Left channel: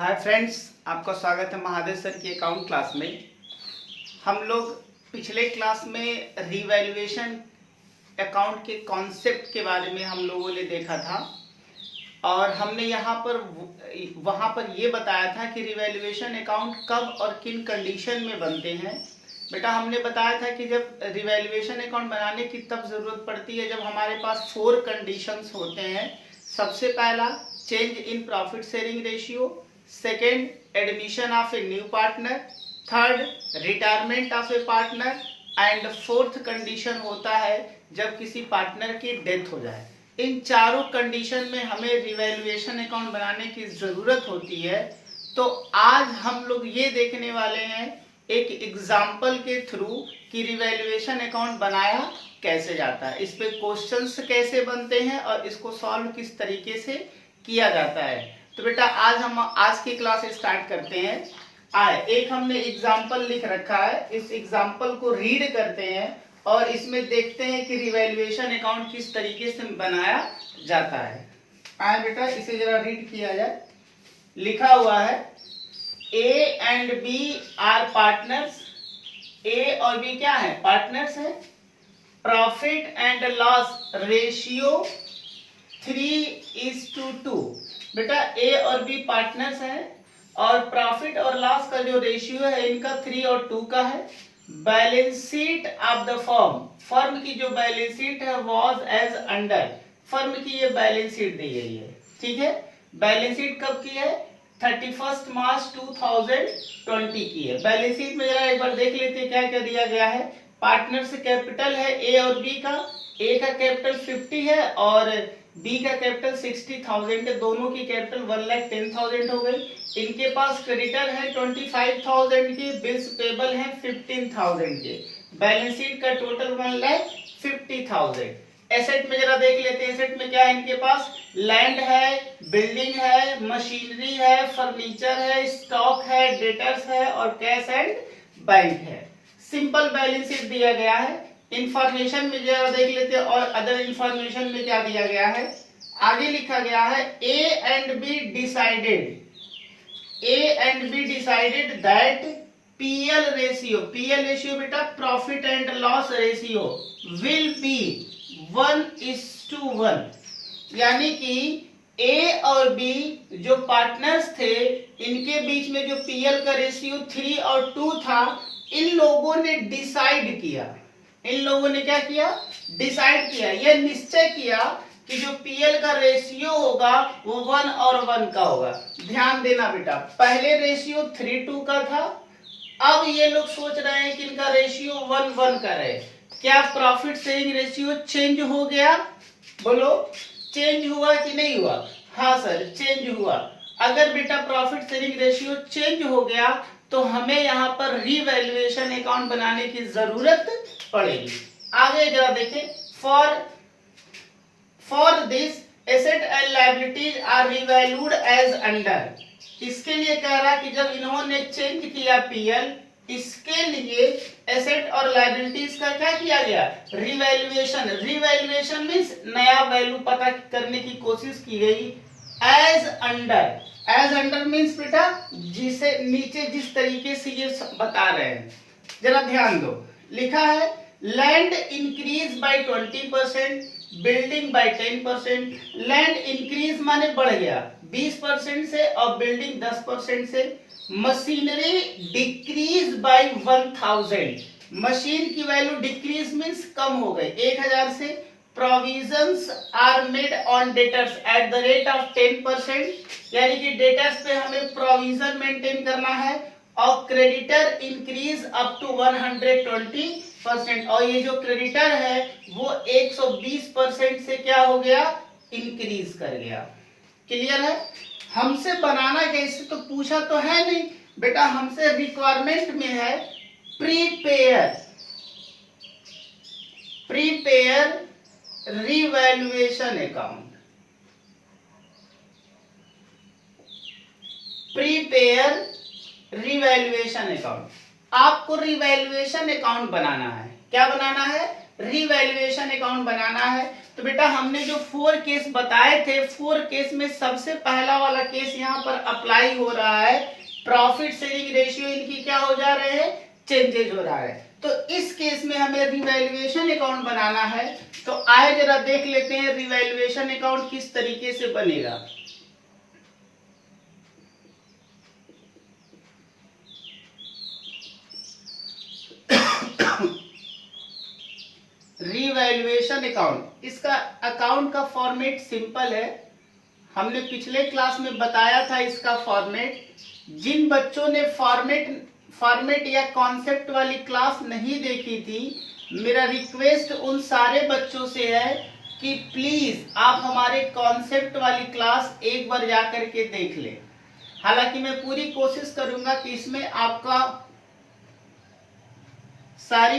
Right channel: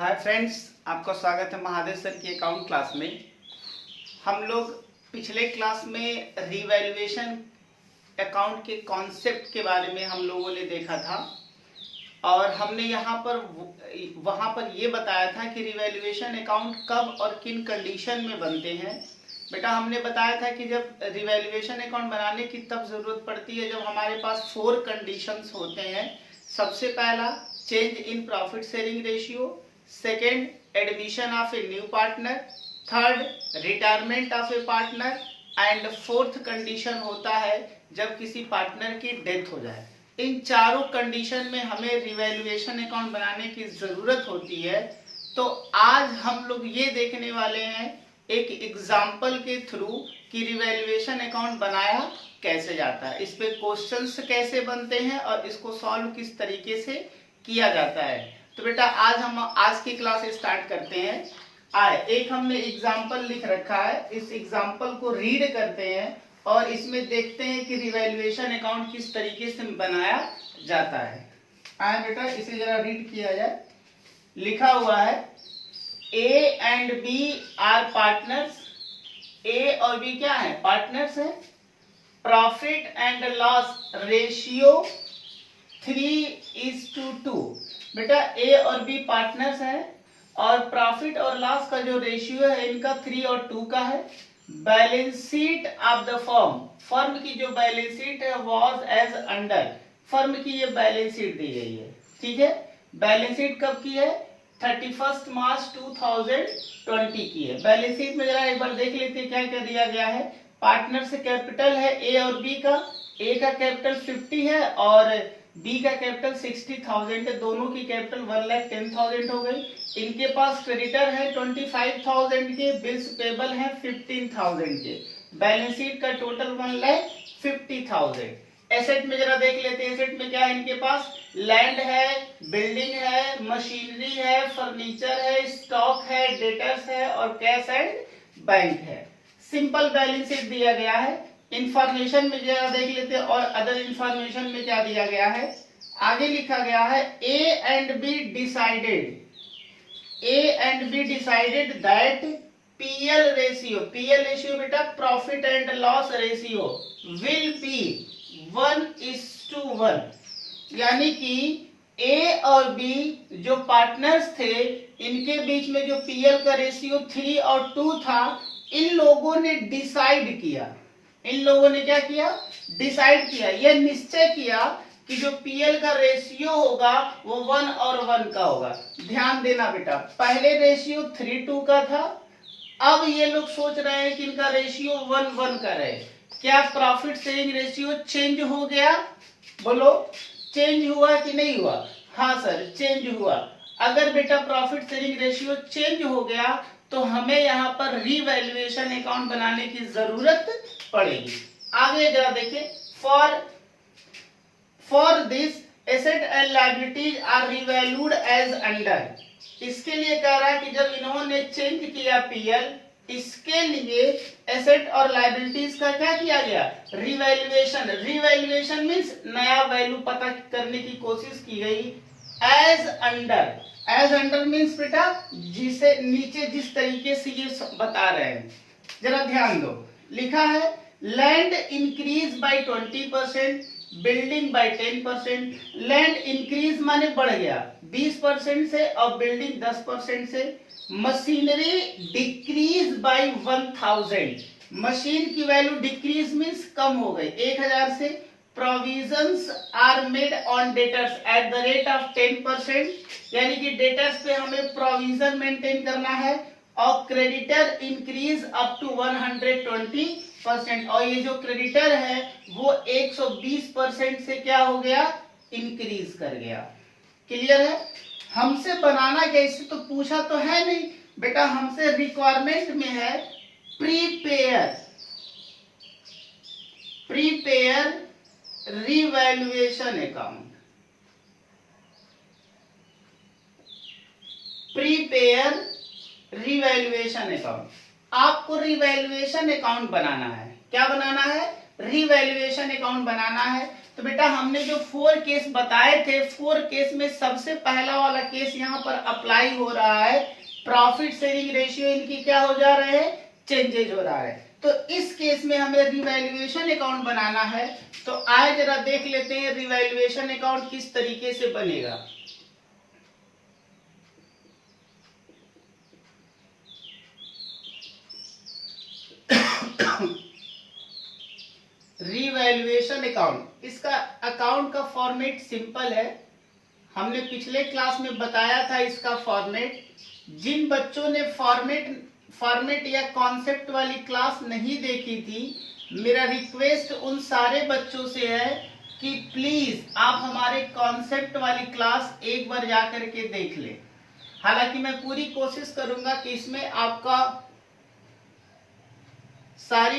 Hi friends, आपका स्वागत है महादेव सर की अकाउंट क्लास में। हम लोग पिछले क्लास में रिवैल्यूएशन अकाउंट के कॉन्सेप्ट के बारे में हम लोगों ने देखा था और हमने वहाँ पर ये बताया था कि रिवैल्यूएशन अकाउंट कब और किन कंडीशन में बनते हैं। बेटा हमने बताया था कि जब रिवैल्यूएशन अकाउंट बनाने की तब ज़रूरत पड़ती है जब हमारे पास 4 कंडीशंस होते हैं। सबसे पहला, change in profit sharing ratio. Second, admission of a new partner. Third, retirement of A partner. And fourth condition होता है जब किसी पार्टनर की डेथ हो जाए। इन चारों कंडीशन में हमें रिवैल्यूएशन अकाउंट बनाने की ज़रूरत होती है। तो आज हम लोग ये देखने वाले हैं एक एग्जाम्पल के थ्रू कि रिवैल्यूएशन अकाउंट बनाया कैसे जाता है, इस पे क्वेश्चंस कैसे बनते हैं और इसको सॉल्व किस तरीके से किया जाता है। तो बेटा हम आज की क्लास स्टार्ट करते हैं। एक हमने एग्जाम्पल लिख रखा है, इस एग्जाम्पल को रीड करते हैं और इसमें देखते हैं कि रिवैल्यूएशन अकाउंट किस तरीके से बनाया जाता है। बेटा इसे जरा रीड किया जाए। लिखा हुआ है A and B are partners. A और बी क्या है? पार्टनर्स है। Profit and loss ratio 3:2। बेटा ए और बी पार्टनर्स हैं और प्रॉफिट और लॉस का जो रेशियो है इनका 3 और 2 का है। Balance sheet of the firm की जो बैलेंस शीट है वाज एज अंडर। फर्म की ये बैलेंस शीट दी गई है, ठीक है। बैलेंस शीट कब की है? 31 मार्च 2020 की है। बैलेंस शीट में जरा एक बार देख लेते हैं क्या क्या दिया गया है। पार्टनर से कैपिटल है ए और बी का। ए का कैपिटल 50 है और बी का कैपिटल 60,000 है। दोनों की कैपिटल 1,10,000 हो गई। इनके पास क्रेडिटर है 25,000 के, बिल्स पेबल है 15,000 के। बैलेंस शीट का टोटल 1,50,000। एसेट में जरा देख लेते हैं। एसेट में क्या है इनके पास? लैंड है, बिल्डिंग है, मशीनरी है, फर्नीचर है, स्टॉक है, डेटर्स है और कैश एंड बैंक है। सिंपल बैलेंस शीट दिया गया है। इंफॉर्मेशन में जरा देख लेते हैं और अदर इंफॉर्मेशन में क्या दिया गया है। आगे लिखा गया है A and B decided that PL ratio बेटा profit and loss ratio will be 1:1। यानी कि ए और बी जो पार्टनर्स थे इनके बीच में जो पीएल का रेशियो 3 और 2 था, इन लोगों ने डिसाइड किया। इन लोगों ने क्या किया? डिसाइड किया, यह निश्चय किया कि जो पीएल का रेशियो होगा वो 1 और 1 का होगा। ध्यान देना बेटा, पहले रेशियो 3:2 का था, अब ये लोग सोच रहे हैं कि इनका रेशियो 1:1 का रहे। क्या प्रॉफिट शेयरिंग रेशियो चेंज हो गया? बोलो, चेंज हुआ कि नहीं हुआ? हाँ सर, चेंज हुआ। अगर बेटा प्रॉफिट शेयरिंग रेशियो चेंज हो गया तो हमें यहाँ पर रिवैल्यूएशन अकाउंट बनाने की जरूरत पड़ेगी। आगे जरा देखें। For this asset and liabilities are revalued as under. इसके लिए कह रहा है कि जब इन्होंने चेंज किया पीएल, इसके लिए एसेट और लायबिलिटीज का क्या किया गया? रिवैल्यूएशन। रिवैल्यूएशन मींस नया वैल्यू पता करने की कोशिश की गई। एज अंडर मींस बेटा जिसे नीचे जिस तरीके से ये बता रहे हैं, जरा ध्यान दो। लिखा है land increase by 20%, building by 10%। Land increase माने बढ़ गया 20% से और बिल्डिंग 10% से। Machinery decrease by 1,000। मशीन की वैल्यू डिक्रीज मींस कम हो गई 1,000 से। Provisions are made on debtors at the rate of 10%। यानी कि डेटर्स पे हमें प्रोविजन मेंटेन करना है। और क्रेडिटर इंक्रीज अप टू 120%। और ये जो क्रेडिटर है वो 120% से क्या हो गया? इंक्रीज कर गया। क्लियर है? हमसे बनाना कैसे तो पूछा तो है नहीं बेटा, हमसे रिक्वायरमेंट में है prepare revaluation account. Prepare revaluation account. आपको रिवैल्यूएशन अकाउंट बनाना है। क्या बनाना है? रीवैल्यूएशन अकाउंट बनाना है। तो बेटा हमने जो 4 केस बताए थे, 4 केस में सबसे पहला वाला केस यहाँ पर अप्लाई हो रहा है। प्रॉफिट शेयरिंग रेशियो इनकी क्या हो जा रहे हैं, चेंजेज हो रहा है। तो इस केस में हमें रिवैल्यूएशन अकाउंट बनाना है। तो आए जरा देख लेते हैं रिवैल्यूएशन अकाउंट किस तरीके से बनेगा। रिवैल्यूएशन अकाउंट, इसका अकाउंट का फॉर्मेट सिंपल है। हमने पिछले क्लास में बताया था इसका फॉर्मेट। जिन बच्चों ने फॉर्मेट या कॉन्सेप्ट वाली क्लास नहीं देखी थी, मेरा रिक्वेस्ट उन सारे बच्चों से है कि प्लीज आप हमारे कॉन्सेप्ट वाली क्लास एक बार जाकर के देख लें। हालांकि मैं पूरी कोशिश करूंगा कि इसमें आपका सारी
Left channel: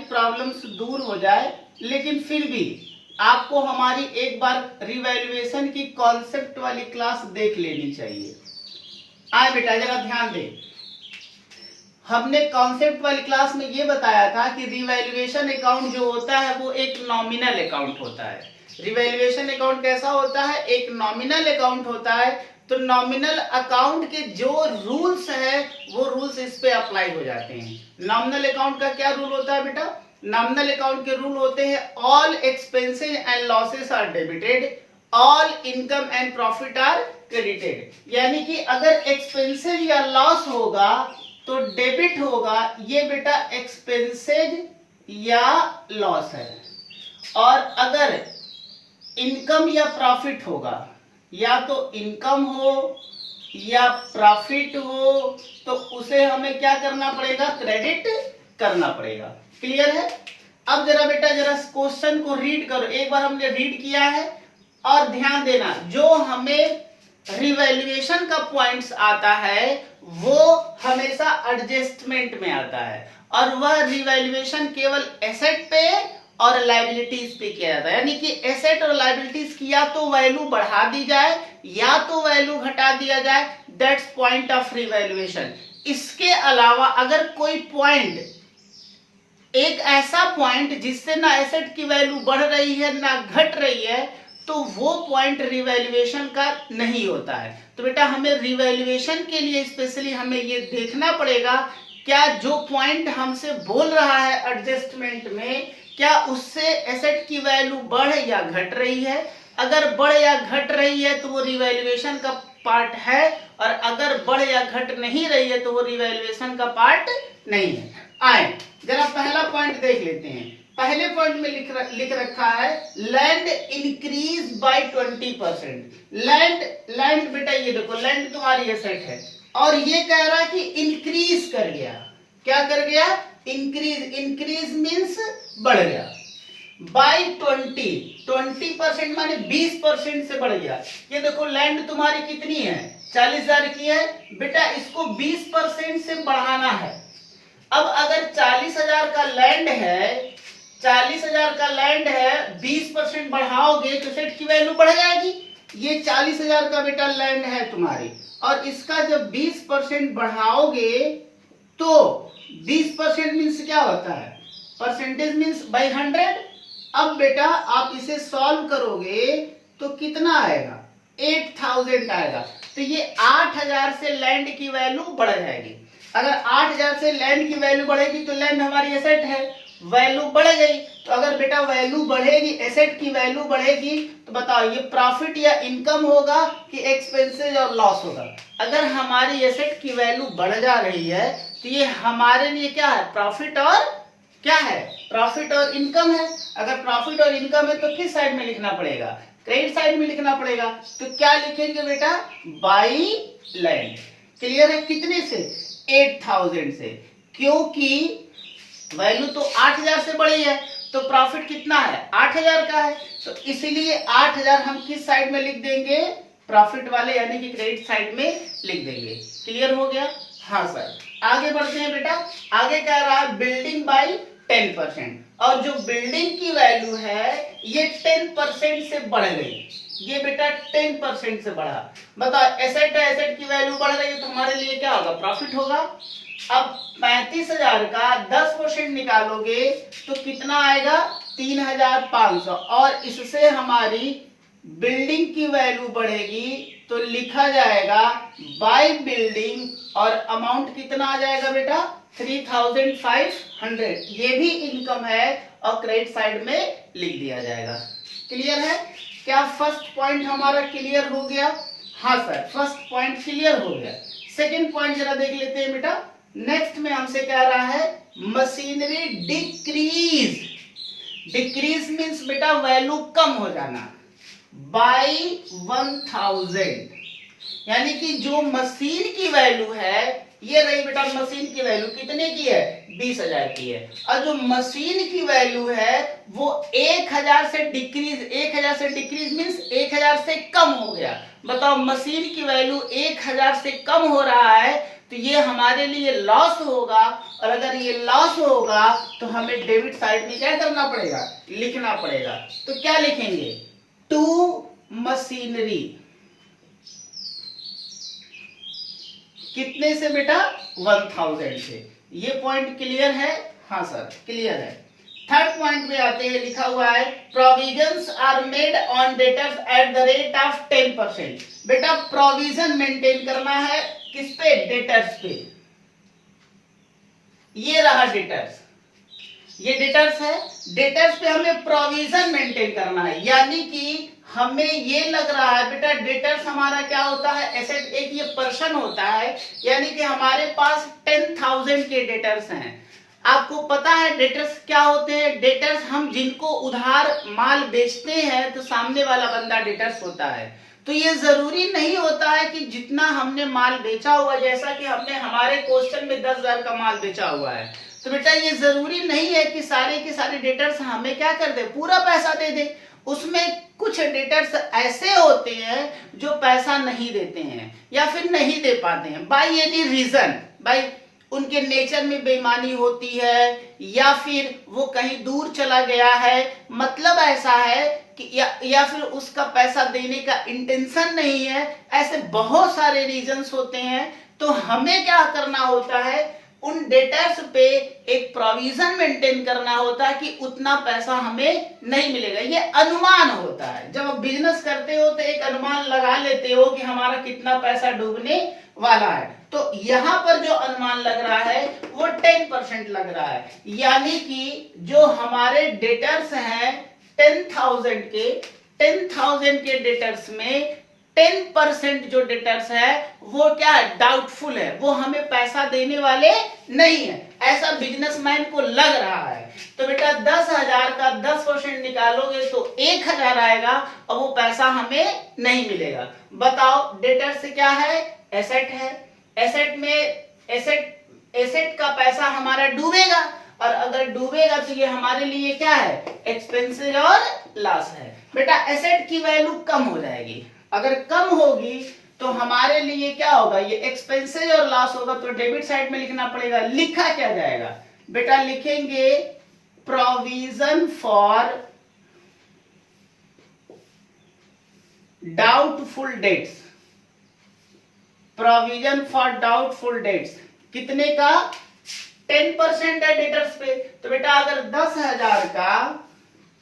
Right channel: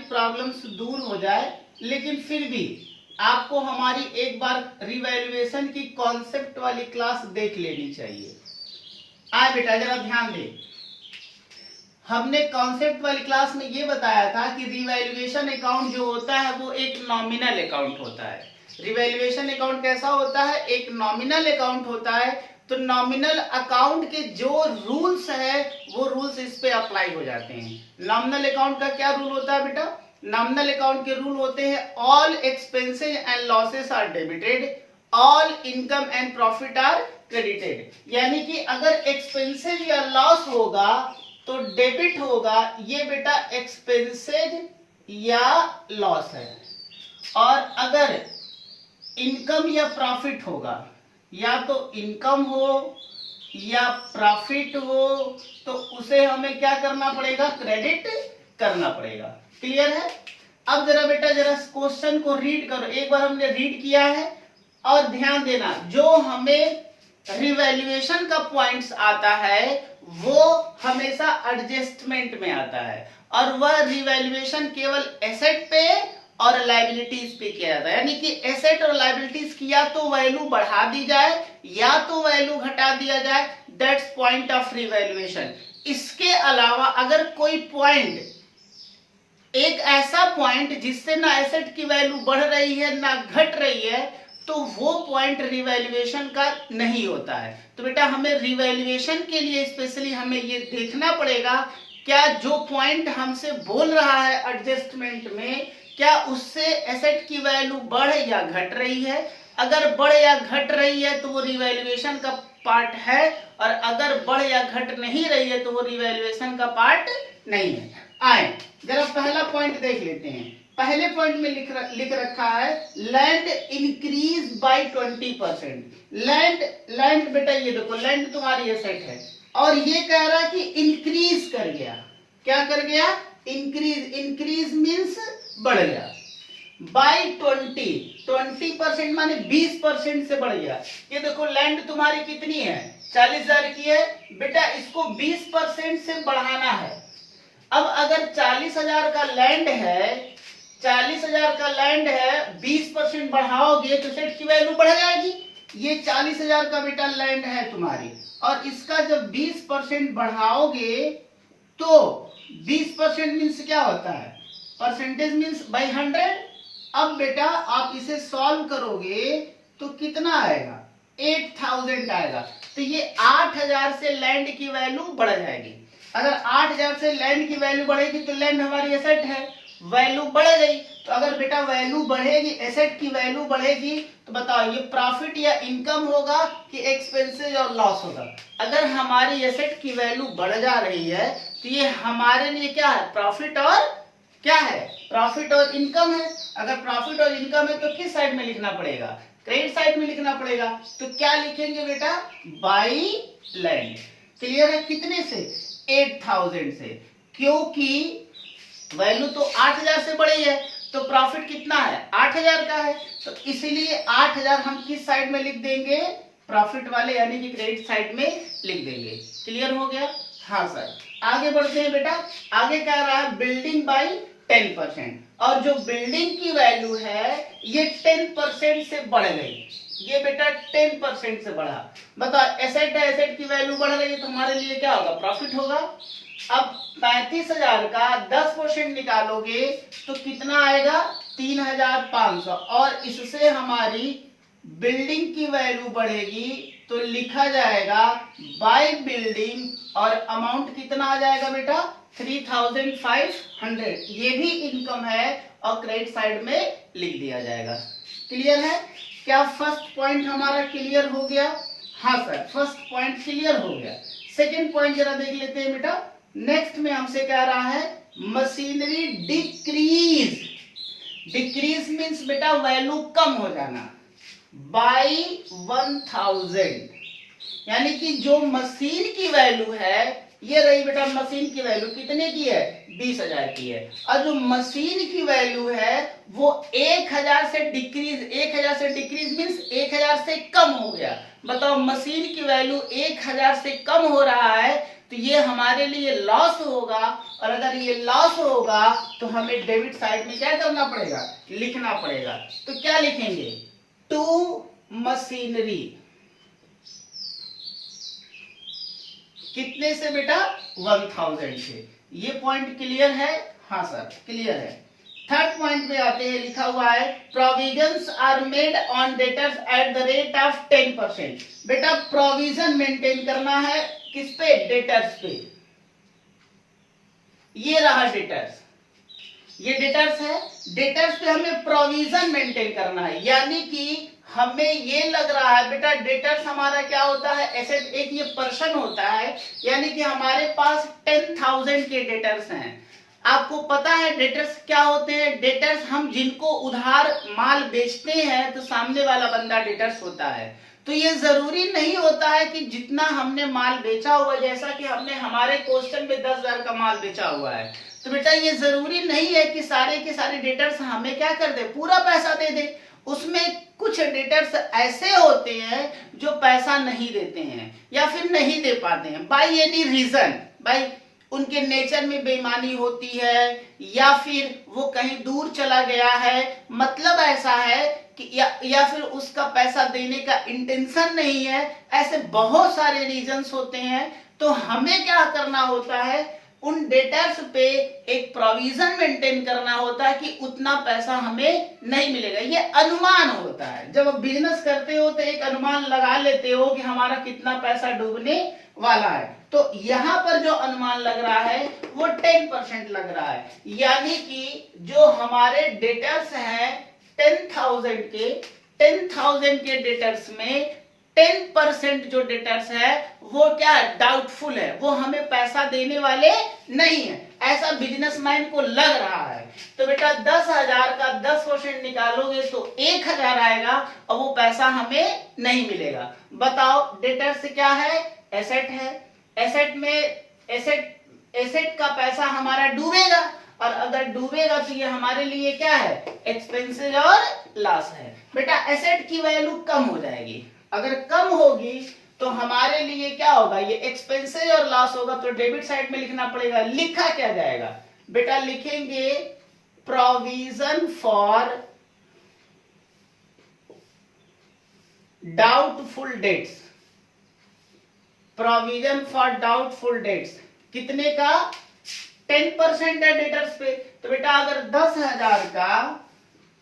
प्रॉब्लम्स दूर हो जाए, लेकिन फिर भी आपको हमारी एक बार रिवैल्यूएशन की कॉन्सेप्ट वाली क्लास देख लेनी चाहिए। आए बेटा जरा ध्यान दें, हमने कॉन्सेप्ट वाली क्लास में ये बताया था कि रिवैल्यूएशन अकाउंट जो होता है वो एक नॉमिनल अकाउंट होता है। रिवैल्यूएशन अकाउंट कैसा होता है, एक नॉमिनल अकाउंट होता है। तो नॉमिनल अकाउंट के जो रूल्स है वो रूल्स इस पे अप्लाई हो जाते हैं। नॉमिनल अकाउंट का क्या रूल होता है बेटा, नॉमिनल अकाउंट के रूल होते हैं all expenses and losses are debited, all income and profit are credited. यानी कि अगर एक्सपेंसेस या लॉस होगा तो डेबिट होगा, ये बेटा एक्सपेंसेज या लॉस है। और अगर इनकम या प्रॉफिट होगा, या तो इनकम हो या प्रॉफिट हो, तो उसे हमें क्या करना पड़ेगा, क्रेडिट करना पड़ेगा। क्लियर है। अब जरा बेटा जरा क्वेश्चन को रीड करो, एक बार हमने रीड किया है और ध्यान देना, जो हमें रिवैल्यूएशन का पॉइंट्स आता है वो हमेशा एडजस्टमेंट में आता है, और वह रिवैल्यूएशन केवल एसेट पे और लायबिलिटीज पे किया जाता है। यानी कि एसेट और लायबिलिटीज की या तो वैल्यू बढ़ा दी जाए या तो वैल्यू घटा दिया जाए, दैट्स पॉइंट ऑफ रिवैल्यूएशन। इसके अलावा अगर कोई पॉइंट, एक ऐसा पॉइंट जिससे ना एसेट की वैल्यू बढ़ रही है ना घट रही है, तो वो पॉइंट रिवैल्यूएशन का नहीं होता है। तो बेटा हमें रिवैल्यूएशन के लिए स्पेशली हमें ये देखना पड़ेगा, क्या जो पॉइंट हमसे बोल रहा है एडजस्टमेंट में, क्या उससे एसेट की वैल्यू बढ़ या घट रही है। अगर बढ़ या घट रही है तो वो रिवैल्यूएशन का पार्ट है, और अगर बढ़ या घट नहीं रही है तो वो रिवैल्यूएशन का पार्ट नहीं है। आए जरा पहला पॉइंट देख लेते हैं। पहले पॉइंट में लिख रखा है लैंड इंक्रीज बाय 20%। लैंड बेटा ये देखो, लैंड तुम्हारी एसेट है और ये कह रहा है कि इंक्रीज कर गया। क्या कर गया, इंक्रीज मीन्स बढ़ गया बाय 20% माने 20% से बढ़ गया। ये देखो लैंड तुम्हारी कितनी है, 40,000 की है बेटा, इसको 20% से बढ़ाना है। अब अगर 40,000 का लैंड है, 40,000 का लैंड है, 20% बढ़ाओगे तो सेट की वैल्यू बढ़ जाएगी। ये 40,000 का बेटा लैंड है तुम्हारी, और इसका जब 20% बढ़ाओगे तो 20% मीन्स क्या होता है, परसेंटेज मीन्स बाई 100। अब बेटा आप इसे सॉल्व करोगे तो कितना आएगा, 8,000 आएगा। तो ये 8,000 से लैंड की वैल्यू बढ़ जाएगी। अगर 8,000 से लैंड की वैल्यू बढ़ेगी तो लैंड हमारी एसेट है, वैल्यू बढ़ गई। तो अगर बेटा वैल्यू बढ़ेगी, एसेट की वैल्यू बढ़ेगी, तो बताओ ये प्रॉफिट या इनकम होगा कि एक्सपेंसेस और लॉस होगा। अगर हमारी एसेट की वैल्यू बढ़ जा रही है तो ये हमारे लिए क्या है, प्रॉफिट और क्या है, प्रॉफिट और इनकम है। अगर प्रॉफिट और इनकम है तो किस साइड में लिखना पड़ेगा, क्रेडिट साइड में लिखना पड़ेगा। तो क्या लिखेंगे बेटा, बाई लैंड। क्लियर है, कितने से, 8,000 से, क्योंकि वैल्यू तो 8,000 से बढ़ी है तो प्रॉफिट कितना है, 8,000 का है। तो इसीलिए 8,000 हम किस साइड में लिख देंगे, प्रॉफिट वाले यानी कि क्रेडिट साइड में लिख देंगे। क्लियर हो गया। हाँ सर, आगे बढ़ते हैं बेटा। आगे कह रहा है बिल्डिंग बाय 10%, और जो बिल्डिंग की वैल्यू है ये 10% से बढ़ गई। ये बेटा 10% से बढ़ा। बताओ एसेट है, एसेट की वैल्यू बढ़ रही है तो हमारे लिए क्या होगा, प्रॉफिट होगा। अब 35,000 का 10% निकालोगे तो कितना आएगा 3,500, और इससे हमारी बिल्डिंग की वैल्यू बढ़ेगी तो लिखा जाएगा बाय बिल्डिंग, और अमाउंट कितना आ जाएगा बेटा 3,500। ये भी इनकम है और क्रेडिट साइड में लिख दिया जाएगा। क्लियर है? क्या फर्स्ट पॉइंट हमारा क्लियर हो गया? हाँ सर, फर्स्ट पॉइंट क्लियर हो गया। सेकंड पॉइंट जरा देख लेते हैं बेटा। नेक्स्ट में हमसे कह रहा है मशीनरी डिक्रीज। डिक्रीज मीन्स बेटा वैल्यू कम हो जाना बाय 1,000, यानी कि जो मशीन की वैल्यू है, ये रही बेटा मशीन की वैल्यू कितने की है 20,000 की है, और जो मशीन की वैल्यू है वो 1,000 से डिक्रीज, 1,000 से डिक्रीज मीन्स 1,000 से कम हो गया। बताओ मशीन की वैल्यू 1,000 से कम हो रहा है तो ये हमारे लिए लॉस होगा, और अगर ये लॉस होगा तो हमें डेबिट साइड में क्या करना पड़ेगा, लिखना पड़ेगा। तो क्या लिखेंगे, टू मशीनरी, कितने से बेटा 1,000 से। ये पॉइंट क्लियर है? हाँ सर क्लियर है। थर्ड पॉइंट पे आते हैं, लिखा हुआ है provisions are made on debtors at the rate of 10%। बेटा प्रोविजन मेंटेन करना है किस पे, डेटर्स पे। ये रहा डेटर्स, ये डेटर्स है, डेटर्स पे हमें प्रोविजन मेंटेन करना है, यानी कि हमें ये लग रहा है बेटा डेटर्स हमारा क्या होता है, एसेट एक ये पर्सन होता है, यानी कि हमारे पास 10,000 के डेटर्स हैं। आपको पता है डेटर्स क्या होते हैं? डेटर्स हम जिनको उधार माल बेचते हैं तो सामने वाला बंदा डेटर्स होता है। तो ये जरूरी नहीं होता है कि जितना हमने माल बेचा हुआ, जैसा कि हमने हमारे क्वेश्चन में 10,000 का माल बेचा हुआ है, तो बेटा ये जरूरी नहीं है कि सारे के सारे डेटर्स हमें क्या कर दे, पूरा पैसा दे दे। उसमें कुछ डेटर्स ऐसे होते हैं जो पैसा नहीं देते हैं या फिर नहीं दे पाते हैं बाय एनी रीजन, बाय उनके नेचर में बेईमानी होती है या फिर वो कहीं दूर चला गया है, मतलब ऐसा है कि या फिर उसका पैसा देने का इंटेंशन नहीं है। ऐसे बहुत सारे रीजंस होते हैं। तो हमें क्या करना होता है, उन डेटर्स पे एक प्रोविजन मेंटेन करना होता है कि उतना पैसा हमें नहीं मिलेगा। ये अनुमान होता है, जब आप बिजनेस करते हो तो एक अनुमान लगा लेते हो कि हमारा कितना पैसा डूबने वाला है। तो यहां पर जो अनुमान लग रहा है वो 10% लग रहा है, यानी कि जो हमारे डेटर्स हैं 10,000 के डेटर्स में 10% जो डेटर्स है वो क्या है, डाउटफुल है, वो हमें पैसा देने वाले नहीं है, ऐसा बिजनेसमैन को लग रहा है। तो बेटा 10,000 का 10% निकालोगे तो 1,000 आएगा और वो पैसा हमें नहीं मिलेगा। बताओ डेटर्स क्या है, एसेट है। एसेट में एसेट का पैसा हमारा डूबेगा, और अगर डूबेगा तो ये हमारे लिए क्या है, एक्सपेंसेस और लॉस है। बेटा एसेट की वैल्यू कम हो जाएगी, अगर कम होगी तो हमारे लिए क्या होगा, ये एक्सपेंसेस और लॉस होगा, तो डेबिट साइड में लिखना पड़ेगा। लिखा क्या जाएगा बेटा, लिखेंगे provision for doubtful debts. Provision for doubtful debts कितने का, 10% है डेटर्स पे। तो बेटा अगर 10,000 का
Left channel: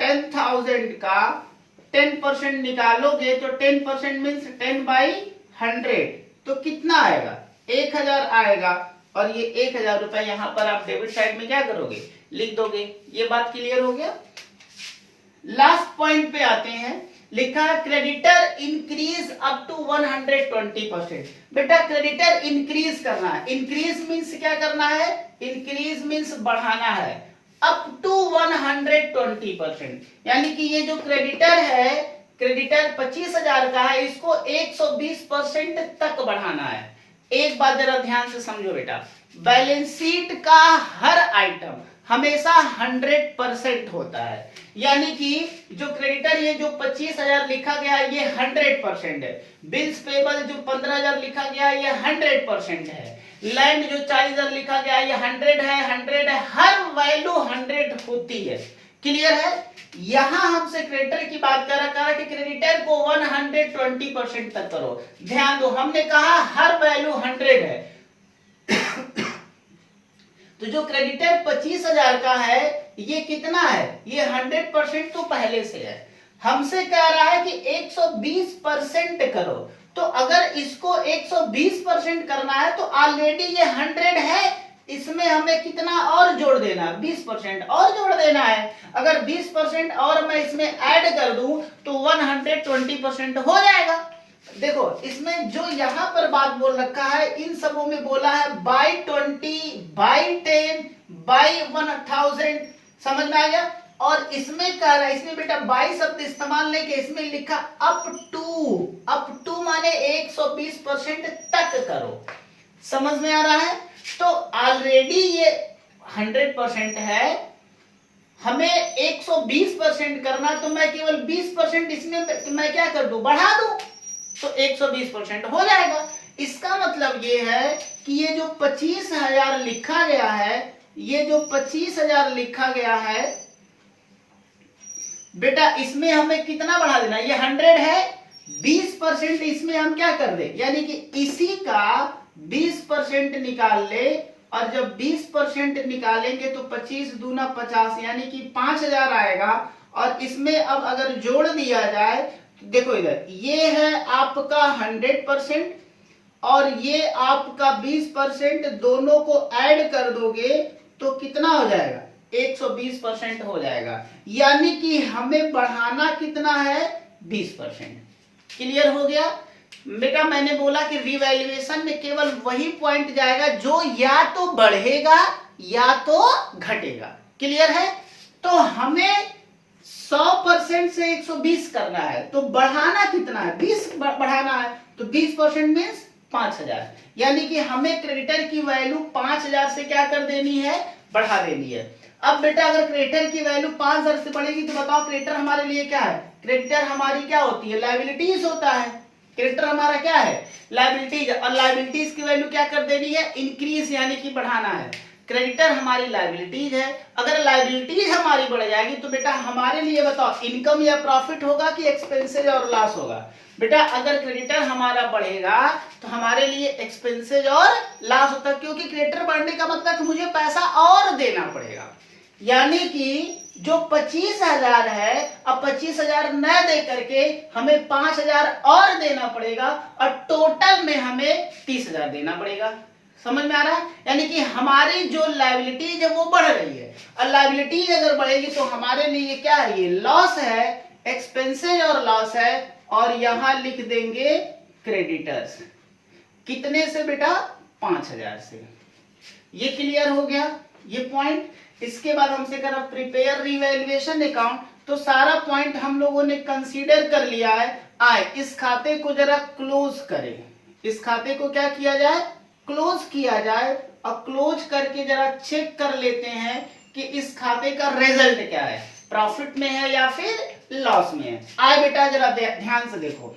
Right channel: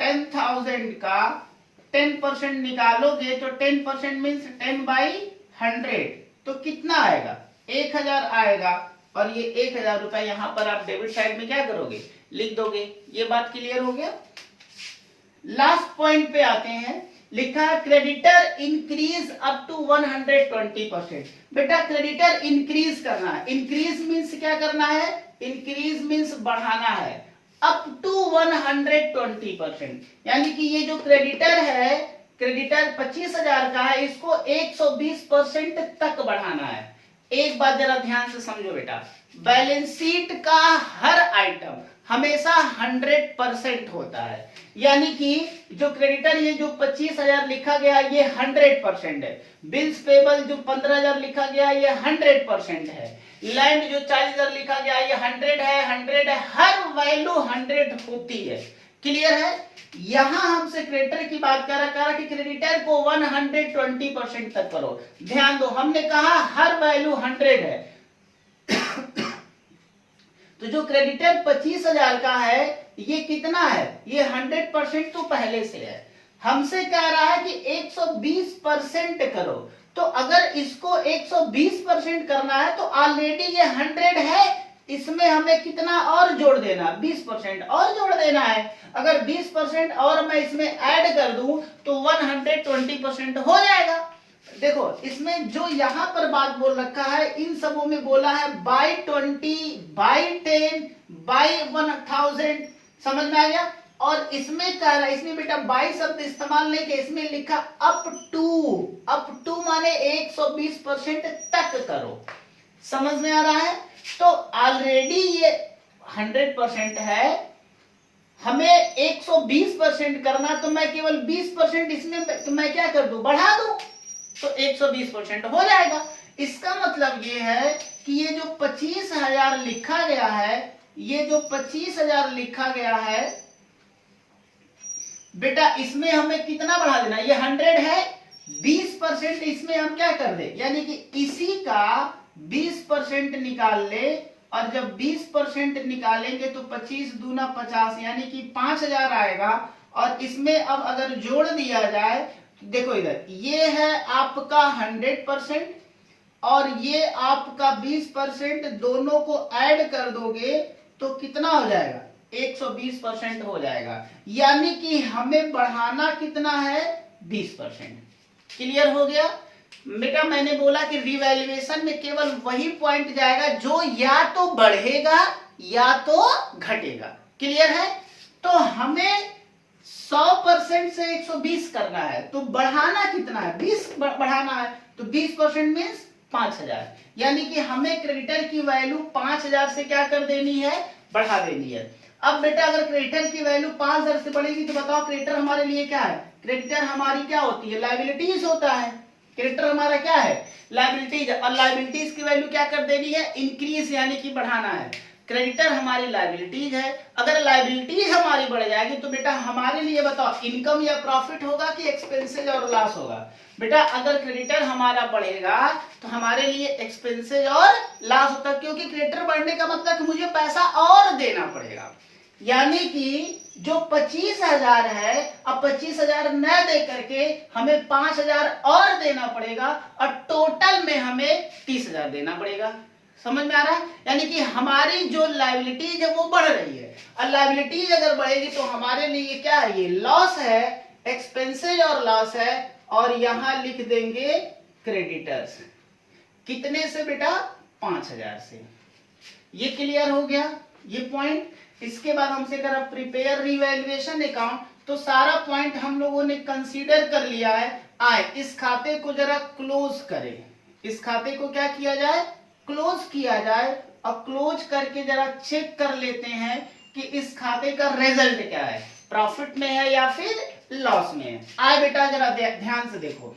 10,000 का 10% निकालोगे तो 10% मीन्स 10/100, तो कितना आएगा, 1,000 आएगा। और ये 1,000 रुपए यहां पर आप डेबिट साइड में क्या करोगे, लिख दोगे। ये बात क्लियर हो गया। लास्ट पॉइंट पे आते हैं, लिखा क्रेडिटर इंक्रीज अप टू 120%। बेटा क्रेडिटर इंक्रीज करना है, इंक्रीज मीन्स क्या करना है, इंक्रीज मीन्स बढ़ाना है, अप टू 120%, यानी कि ये जो क्रेडिटर है, क्रेडिटर 25,000 का है, इसको 120% तक बढ़ाना है। एक बात जरा ध्यान से समझो बेटा, बैलेंस शीट का हर आइटम हमेशा 100% होता है, यानी कि जो क्रेडिटर ये जो 25,000 लिखा गया ये 100% है, बिल्स पेबल जो 15,000 लिखा गया ये 100% है, लैंड जो 40,000 लिखा गया ये 100 है, हर वैल्यू 100 होती है। क्लियर है। यहां हमसे क्रेडिटर की बात करा कि क्रेडिटर को 120% तक करो। ध्यान दो, हमने कहा हर वैल्यू 100 है तो जो क्रेडिटर 25,000 का है ये कितना है, ये 100% तो पहले से है। हमसे कह रहा है कि 120% करो, तो अगर इसको 120% करना है तो ऑलरेडी ये 100 है, इसमें हमें कितना और जोड़ देना, 20% और जोड़ देना है। अगर 20% और मैं इसमें ऐड कर दूं तो 120% हो जाएगा। देखो इसमें जो यहां पर बात बोल रखा है इन सबों में बोला है बाय 20, बाय 10, बाय 1000, समझ में आ गया। और इसमें कह रहा है, इसमें बेटा बाय शब्द इस्तेमाल नहीं किया, इसमें लिखा अप टू माने 120% तक करो, समझ में आ रहा है। तो ऑलरेडी ये 100% है, हमें 120% करना, तो मैं केवल 20% इसमें मैं क्या कर दूं, बढ़ा दूं, तो 120% हो जाएगा। इसका मतलब ये है कि ये जो 25,000 लिखा गया है, ये जो 25,000 लिखा गया है बेटा, इसमें हमें कितना बढ़ा देना, ये 100 है, 20% इसमें हम क्या कर दे, यानी कि इसी का 20% निकाल ले, और जब 20% निकालेंगे तो 25 दूना 50 यानी कि 5,000 आएगा। और इसमें अब अगर जोड़ दिया जाए, देखो इधर ये है आपका 100% और ये आपका 20%, दोनों को ऐड कर दोगे तो कितना हो जाएगा, 120% हो जाएगा। यानी कि हमें बढ़ाना कितना है, 20%। क्लियर हो गया बेटा। मैंने बोला कि रिवैल्यूएशन में केवल वही पॉइंट जाएगा जो या तो बढ़ेगा या तो घटेगा। क्लियर है। तो हमें 100% से 120 करना है, तो बढ़ाना कितना है, 20 बढ़ाना है, तो 20% मीन्स 5,000, यानी कि हमें क्रेडिटर की वैल्यू 5,000 से क्या कर देनी है, बढ़ा देनी है। अब बेटा अगर क्रेडिटर की वैल्यू 5,000 से बढ़ेगी तो बताओ क्रेडिटर हमारे लिए क्या है, क्रेडिटर हमारी क्या होती है, लायबिलिटीज होता है। क्रेडिटर हमारा क्या है, लायबिलिटीज, और लायबिलिटीज की वैल्यू क्या कर देनी है, इंक्रीज, यानी कि बढ़ाना है। क्रेडिटर हमारी लायबिलिटीज है, अगर लायबिलिटीज हमारी बढ़ जाएगी तो बेटा हमारे लिए बताओ इनकम या प्रॉफिट होगा कि एक्सपेंसेज और लॉस होगा। बेटा अगर क्रेडिटर हमारा बढ़ेगा तो हमारे लिए एक्सपेंसेज और लॉस होता है, क्योंकि क्रेडिटर बढ़ने का मतलब कि मुझे पैसा और देना पड़ेगा। यानी कि जो 25,000 है, अब 25,000 न दे करके हमें 5,000 और देना पड़ेगा, और टोटल में हमें 30,000 देना पड़ेगा। समझ में आ रहा है। यानी कि हमारी जो लायबिलिटीज है वो बढ़ रही है, और लायबिलिटीज अगर बढ़ेगी तो हमारे लिए क्या है, ये लॉस है, एक्सपेंसेज और लॉस है। और यहां लिख देंगे क्रेडिटर्स, कितने से बेटा, 5,000 से। ये क्लियर हो गया ये पॉइंट। इसके बाद हमसे करा प्रिपेयर रिवैल्यूएशन अकाउंट, तो सारा पॉइंट हम लोगों ने कंसीडर कर लिया है। आए इस खाते को जरा क्लोज करें, इस खाते को क्या किया जाए, क्लोज किया जाए, और क्लोज करके जरा चेक कर लेते हैं कि इस खाते का रिजल्ट क्या है, प्रॉफिट में है या फिर लॉस में है। आए बेटा जरा ध्यान से देखो,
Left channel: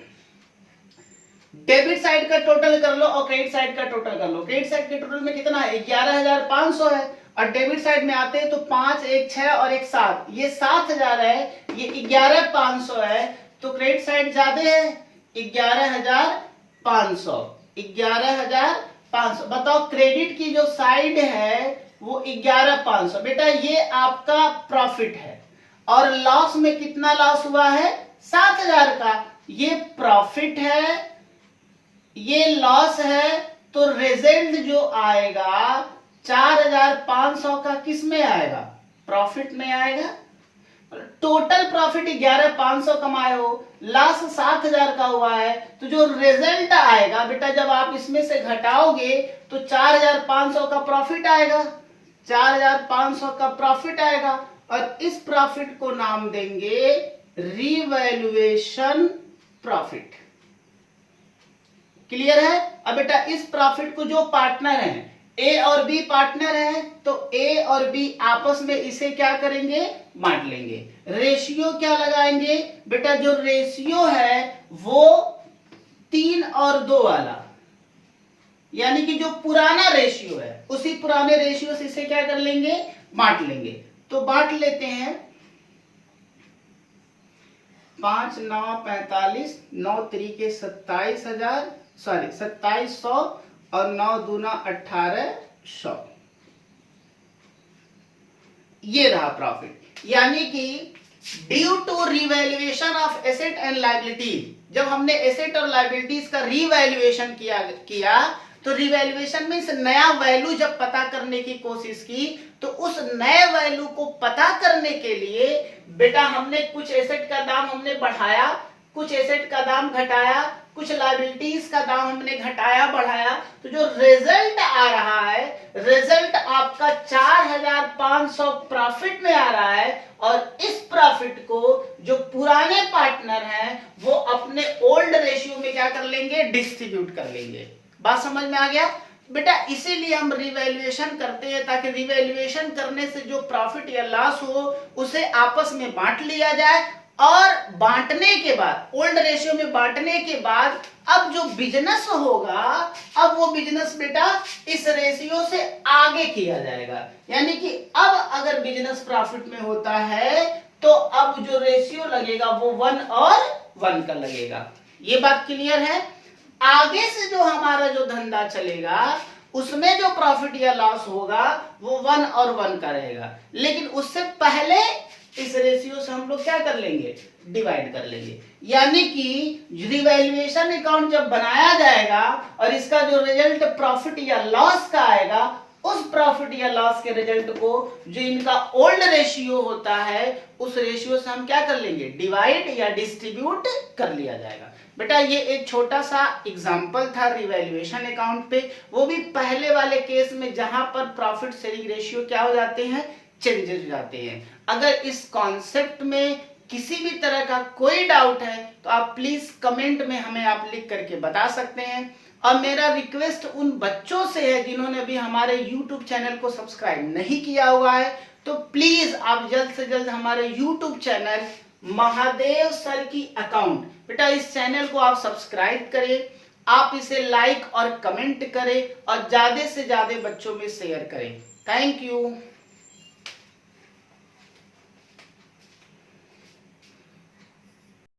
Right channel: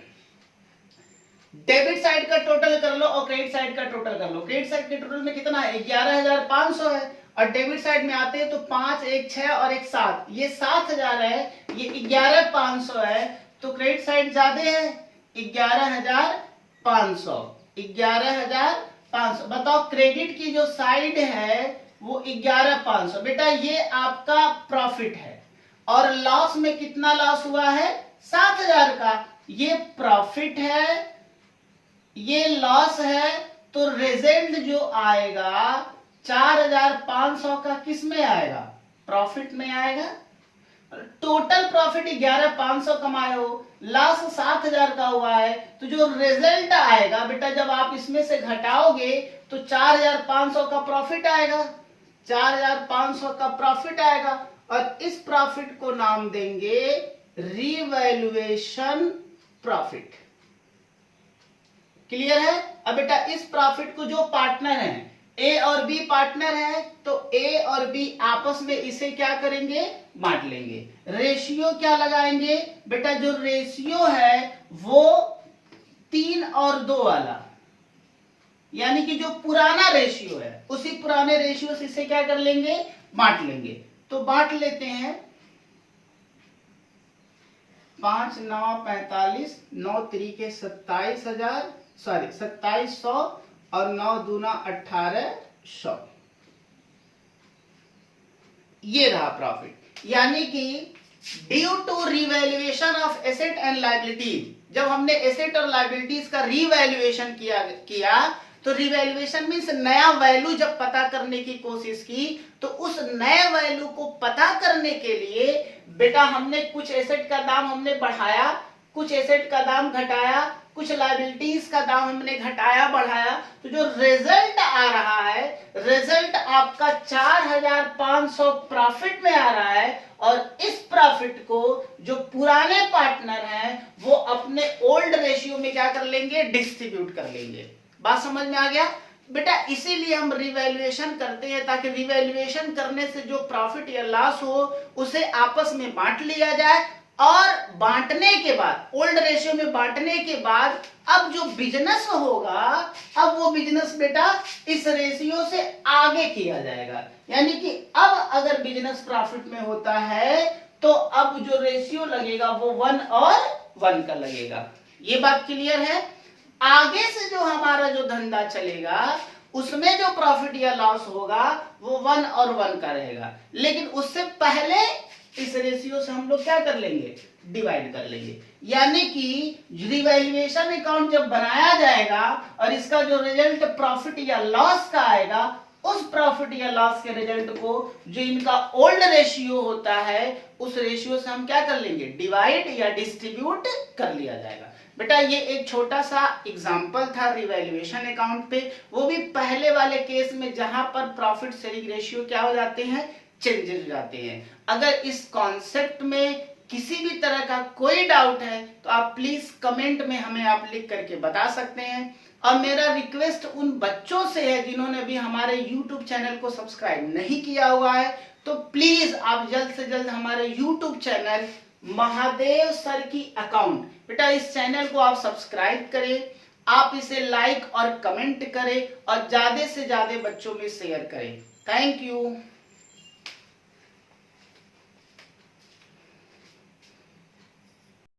डेबिट साइड का टोटल कर लो और क्रेडिट साइड का टोटल कर लो। क्रेडिट साइड के टोटल में कितना है, 11,500 है, और डेबिट साइड में आते हैं तो 5, 1, 6 और 1, 7, ये 7,000 है, ये 11,500 है, तो क्रेडिट साइड ज्यादा है, 11,500, 11,500। बताओ क्रेडिट की जो साइड है वो 11,500। बेटा ये आपका प्रॉफिट है, और लॉस में कितना लॉस हुआ है, 7,000 का। ये प्रॉफिट है, ये लॉस है, तो रिजल्ट जो आएगा 4,500 का किस में आएगा, प्रॉफिट में आएगा। टोटल प्रॉफिट 11,500 कमाए हो, लॉस 7,000 का हुआ है, तो जो रिजल्ट आएगा बेटा जब आप इसमें से घटाओगे तो 4,500 का प्रॉफिट आएगा, 4,500 का प्रॉफिट आएगा। और इस प्रॉफिट को नाम देंगे रिवैल्यूएशन प्रॉफिट। क्लियर है। अब बेटा इस प्रॉफिट को जो पार्टनर हैं, ए और बी पार्टनर है, तो ए और बी आपस में इसे क्या करेंगे, बांट लेंगे। रेशियो क्या लगाएंगे बेटा, जो रेशियो है वो 3 और 2 वाला, यानी कि जो पुराना रेशियो है उसी पुराने रेशियो से इसे क्या कर लेंगे, बांट लेंगे। तो बांट लेते हैं, 5, 9, 45, 9 तरीके 27,000, सॉरी 2700, और 9 दूना 1800। ये रहा प्रॉफिट, यानी कि due to revaluation of asset and liabilities, जब हमने एसेट और लायबिलिटीज का रिवैल्यूएशन किया तो रिवैल्यूएशन मींस नया वैल्यू जब पता करने की कोशिश की, तो उस नए वैल्यू को पता करने के लिए बेटा हमने कुछ एसेट का दाम हमने बढ़ाया, कुछ एसेट का दाम घटाया, कुछ लायबिलिटीज का दाम हमने घटाया बढ़ाया, तो जो रिजल्ट आ रहा है, रिजल्ट आपका 4500 प्रॉफिट में आ रहा है। और इस प्रॉफिट को जो पुराने पार्टनर हैं वो अपने ओल्ड रेशियो में क्या कर लेंगे, डिस्ट्रीब्यूट कर लेंगे। बात समझ में आ गया बेटा? इसीलिए हम रिवैल्यूएशन करते हैं, ताकि रिवैल्यूएशन करने से जो प्रॉफिट या लॉस हो उसे आपस में बांट लिया जाए, और बांटने के बाद ओल्ड रेशियो में बांटने के बाद अब जो बिजनेस होगा, अब वो बिजनेस बेटा इस रेशियो से आगे किया जाएगा। यानी कि अब अगर बिजनेस प्रॉफिट में होता है तो अब जो रेशियो लगेगा वो 1 और 1 का लगेगा। ये बात क्लियर है? आगे से जो हमारा जो धंधा चलेगा उसमें जो प्रॉफिट या लॉस होगा वो 1 और 1 का रहेगा, लेकिन उससे पहले इस रेशियो से हम लोग क्या कर लेंगे, डिवाइड कर लेंगे। यानी कि रिवैल्यूएशन अकाउंट जब बनाया जाएगा और इसका जो रिजल्ट प्रॉफिट या लॉस का आएगा, उस प्रॉफिट या लॉस के रिजल्ट को जो इनका ओल्ड रेशियो होता है उस रेशियो से हम क्या कर लेंगे, डिवाइड या डिस्ट्रीब्यूट कर लिया जाएगा। बेटा ये एक छोटा सा एग्जांपल था रिवैल्यूएशन अकाउंट पे, वो भी पहले वाले केस में जहां पर प्रॉफिट शेयरिंग रेशियो क्या हो जाते हैं, चेंजेस हो जाते हैं। अगर इस कॉन्सेप्ट में किसी भी तरह का कोई डाउट है तो आप प्लीज कमेंट में हमें आप लिख करके बता सकते हैं। और मेरा रिक्वेस्ट उन बच्चों से है जिन्होंने अभी हमारे YouTube चैनल को सब्सक्राइब नहीं किया हुआ है, तो प्लीज आप जल्द से जल्द हमारे YouTube चैनल महादेव सर की अकाउंट, बेटा इस चैनल को आप सब्सक्राइब करें, आप इसे लाइक और कमेंट करें और ज्यादा से ज्यादा बच्चों में शेयर करें। Thank you.